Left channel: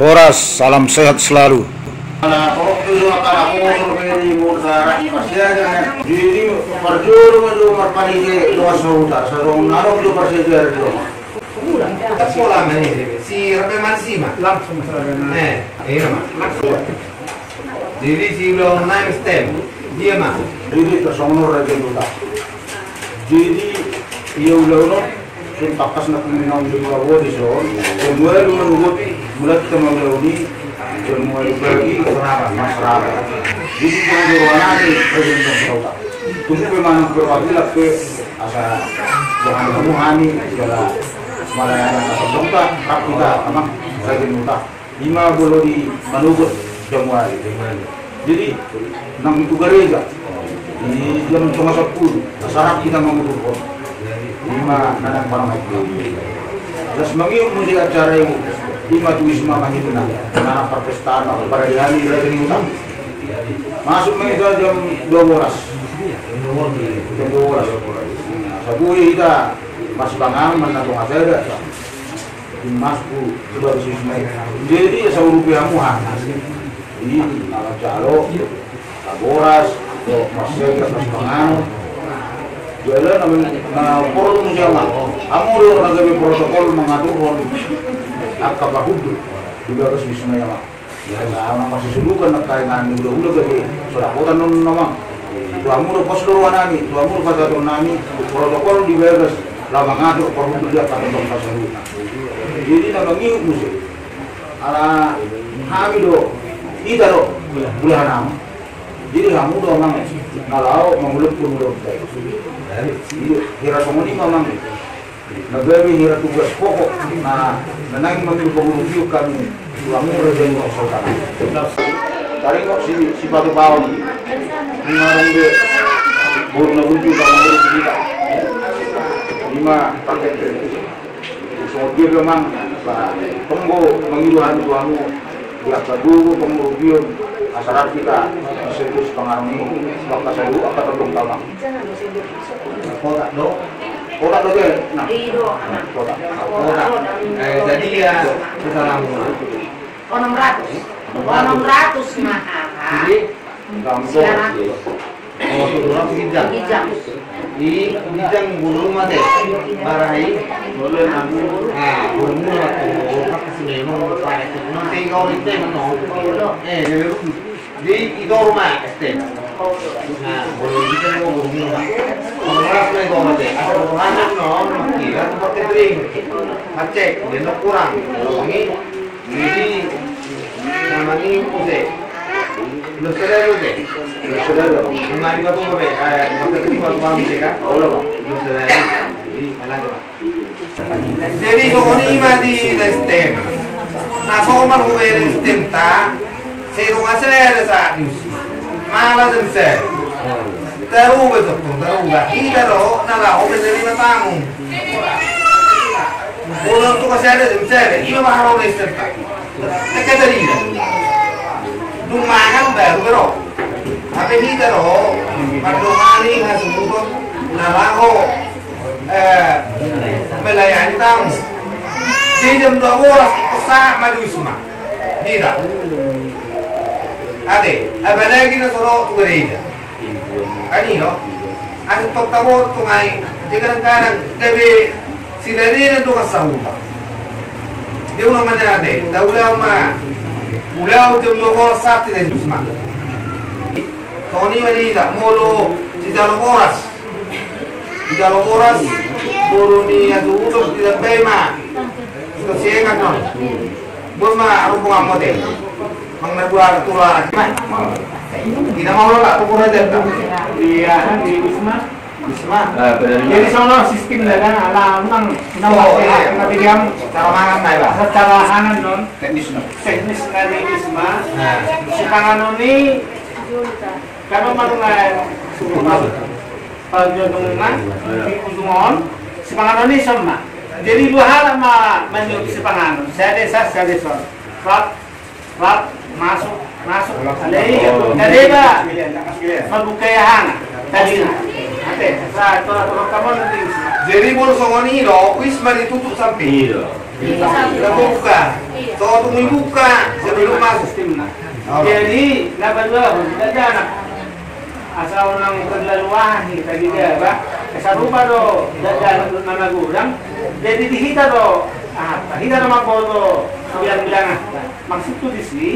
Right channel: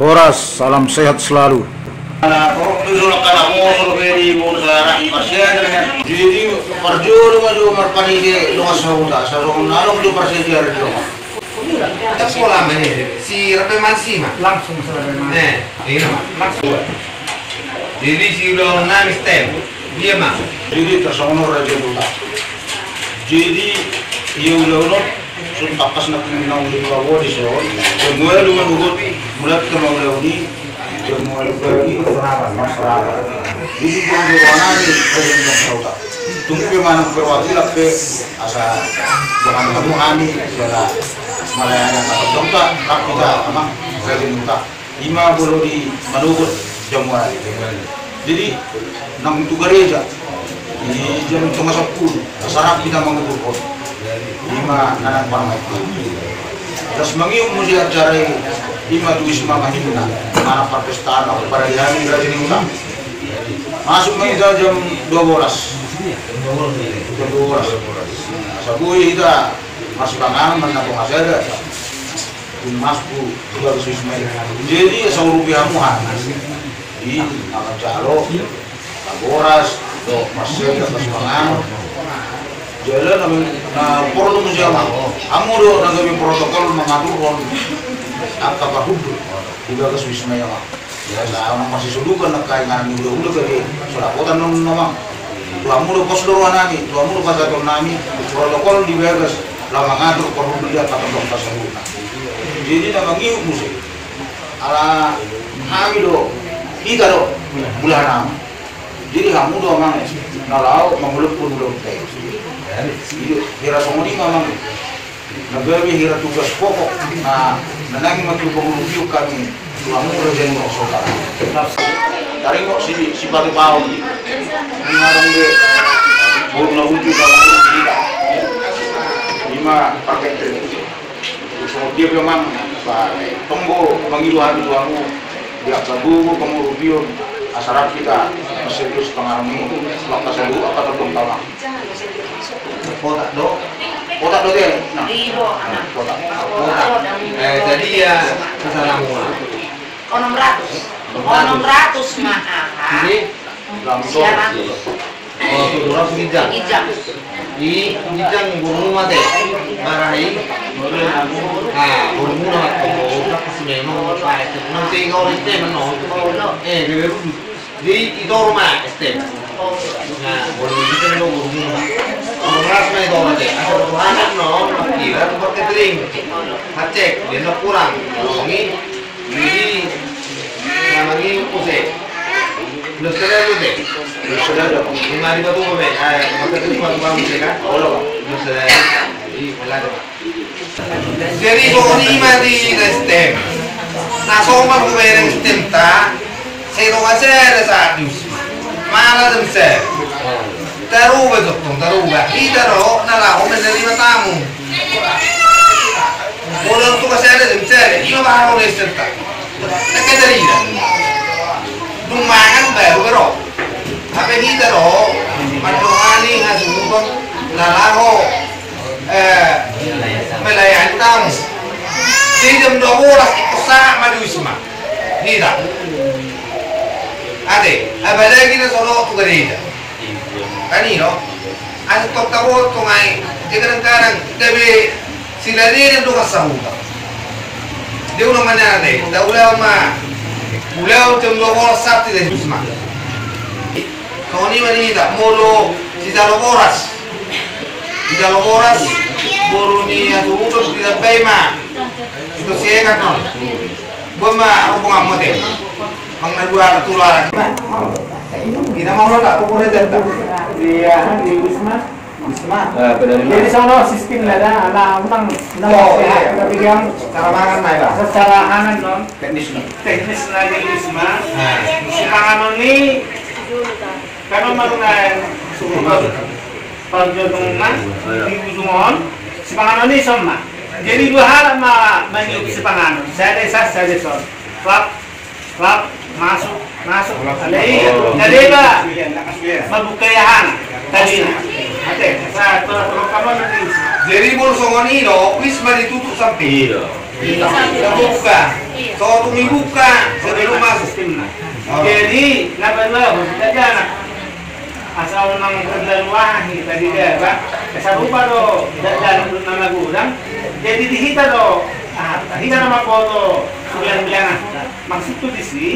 Horas, salam sehat selalu. Langsung Jadi si ulang nangis tem, dia mah. Jadi tersonor aja dulu. Jadi ia ulang sun takas na kuminang di bawah di son. Semua lu menurut mulut kemauan ini, semua lu pergi seraba. Jadi kalau mana ni presiden Saudi. Tunggu mana perwakilan ke asa jangan ketemu kami segala Malayana kata dongka kita emang presiden kita 50 di Maluku Jamuan. Jadi nang itu gereja di jam 10 sarap kita mengukur 5 anak parang itu. Terus mengium mesti acara 5 tuisma mahina anak perpestaan atau pada hari rajin utang. Masuk meja jam 12. Jam 12. Sabui kita masih bangang menabung asada. Masku juga tuisma. Jadi rupiah muhan. Di nama calo, laboras, do masih atas pangan, jalan na protokol muziama, amuro nagabi protokol mengatur apa hukum juga ke Wisma ya mak. Ya sama masih sulukan nakainan ni udah gede, sudah kota non nama, tuamu do pos doruan nami, tuamu do pasaton nami, protokol di Vegas, lama ngatur perlu dia kata dong pasaluna. Jadi nama ngiu musik, ala hamido. Kita do bulan 6. Jadi kamu do mang nalau manguluk pun do teh. Jadi hira somoni mamang nagabi hira tugas pokok na nanang magpangulubiyo kami kamu rejen mo saudara. Taring kok si batu bau ngarang de burna unju kalau urus kita. 5 paket tren. So dia memang tunggu mengiluhan tuamu dia sabu pemurubio asarap kita serius pengaruhi waktu sabu akan terbang kota do deh nah kota Jadi ya kesalahan 600 mah Jadi siaran orang segijang. Di bijang burung mate marahi. Nah, burung mah tuh kasih menong pakai itu. Nanti kau itu menong. Di itu rumah estem. Nah, burung itu menong burung mah. Orang ras main itu mate. Ada orang no, kira tempat catering. Hacek, dia no kurang. Ini jadi namanya pose. Belum sedar deh. belum saudara. Lima ribu tuh be, maka tadi waktu malam sih kan? Oh lah pak. Belum sedar. Jadi malah ada. Jadi pokoknya mati sistem. Nah, soal pembayaran sistem ta, saya rumah saya ada saat news. Malah semser. Taruh besok tuh, taruh gak? Kita roh, nalah, omen dari tamu. Bulan tuh kasih ada semser, ini mah harus sistem ta. Nekat dari ini. Lumayan baru bro. Tapi kita roh, madungani ngasumukon nalaho melayani tamu. Di jam 12 sa maduisma. Tidak. Ade, apalagi na solo tu gereja. Kanino? Ang toktabot ko ngay, di kadang-kadang tabi sila rin ang dukas sa huta. Di ko naman natin, daulaw ma. Ulaw jam 12 Sabtu dan Jumat. Tony manita molo si Daloboras. Si Daloboras molo ni atutos di Pema. Itu siya kan. Buma rubung apa deh? Mang nadua tular. Kita mau tak pokoknya data. Iya, di Wisma. Jadi sono sistem ada anak utang tapi dia Cara makan naik lah. secara kanan non teknis lagi Wisma. Si panganon ini kalau marungan perjalanan di Ujungon, si panganon ini sama. Jadi 2 hal sama menyuruh si panganon. Saya desa. Klap masuk. Ada pak mabukayahan tadi. Ate, sa kalau kamu nanti Jadi Bolsonaro ini Wisma ditutup sampai. Tidak buka. So tunggu buka sebelum masuk. Sistemnya. Jadi, laban dua, ada anak asal nang terlaluan tadi dia, Pak. Kasarupa do dalam nama gudang. Jadi dihita do, hita nama foto bilang-bilang maksud tu di sini.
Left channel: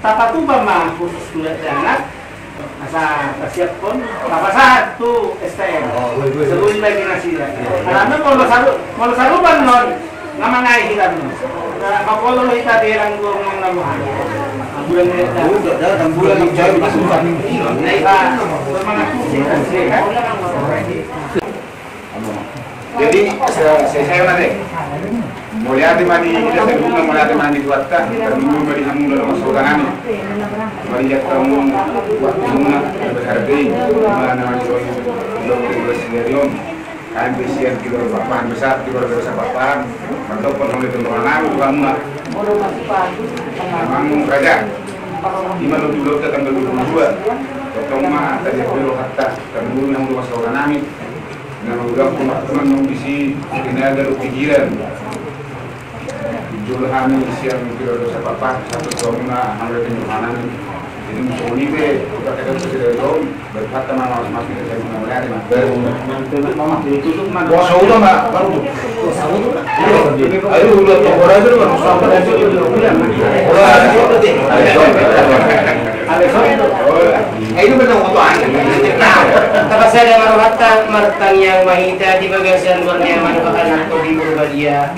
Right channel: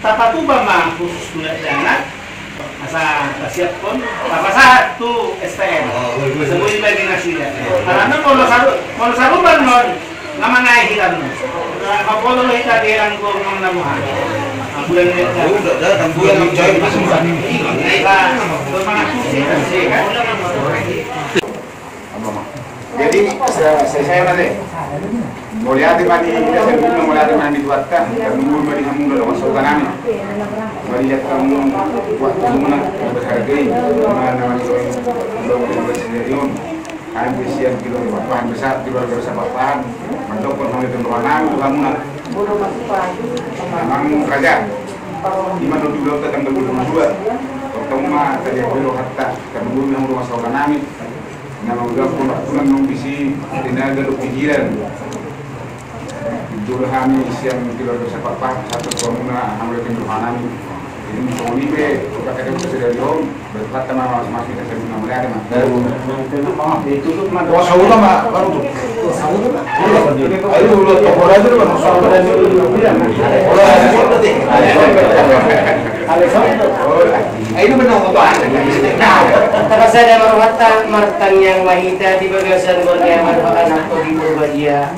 Tata tuba mah khusus tulis jangan masa siap pun apa saat tu STM sebut bagi nasi ya karena kalau saruban non nama ngai hilang kalau lo kita bilang gua ngomong nama bulan ini ada bulan yang jauh itu semua jadi saya nanti mulai mandi kita sebelum mulai mandi buatkan dulu beri kamu dalam masalah kami beri kamu buat semua berhargai mana macam belum bersedia kami bersiap di luar papan besar di luar besar papan mantap pun kami teman-teman kamu memang kerja di mana dulu kita akan berdua juga potong mah kerja dulu hatta kami dulu yang masalah kami nama juga pun teman bisi tenaga pikiran jual kami siang tidak bisa apa satu bangunan hamil penjualan ini Sony be kita kadang sudah jauh berpat teman masih kita guna mereka mas tutup mana saudara mbak baru ayo lihat orang itu kan saudara itu orang itu benar untuk Kapag sa mga martang yang mahita di bagasan Borneo man anak ko di Murbadya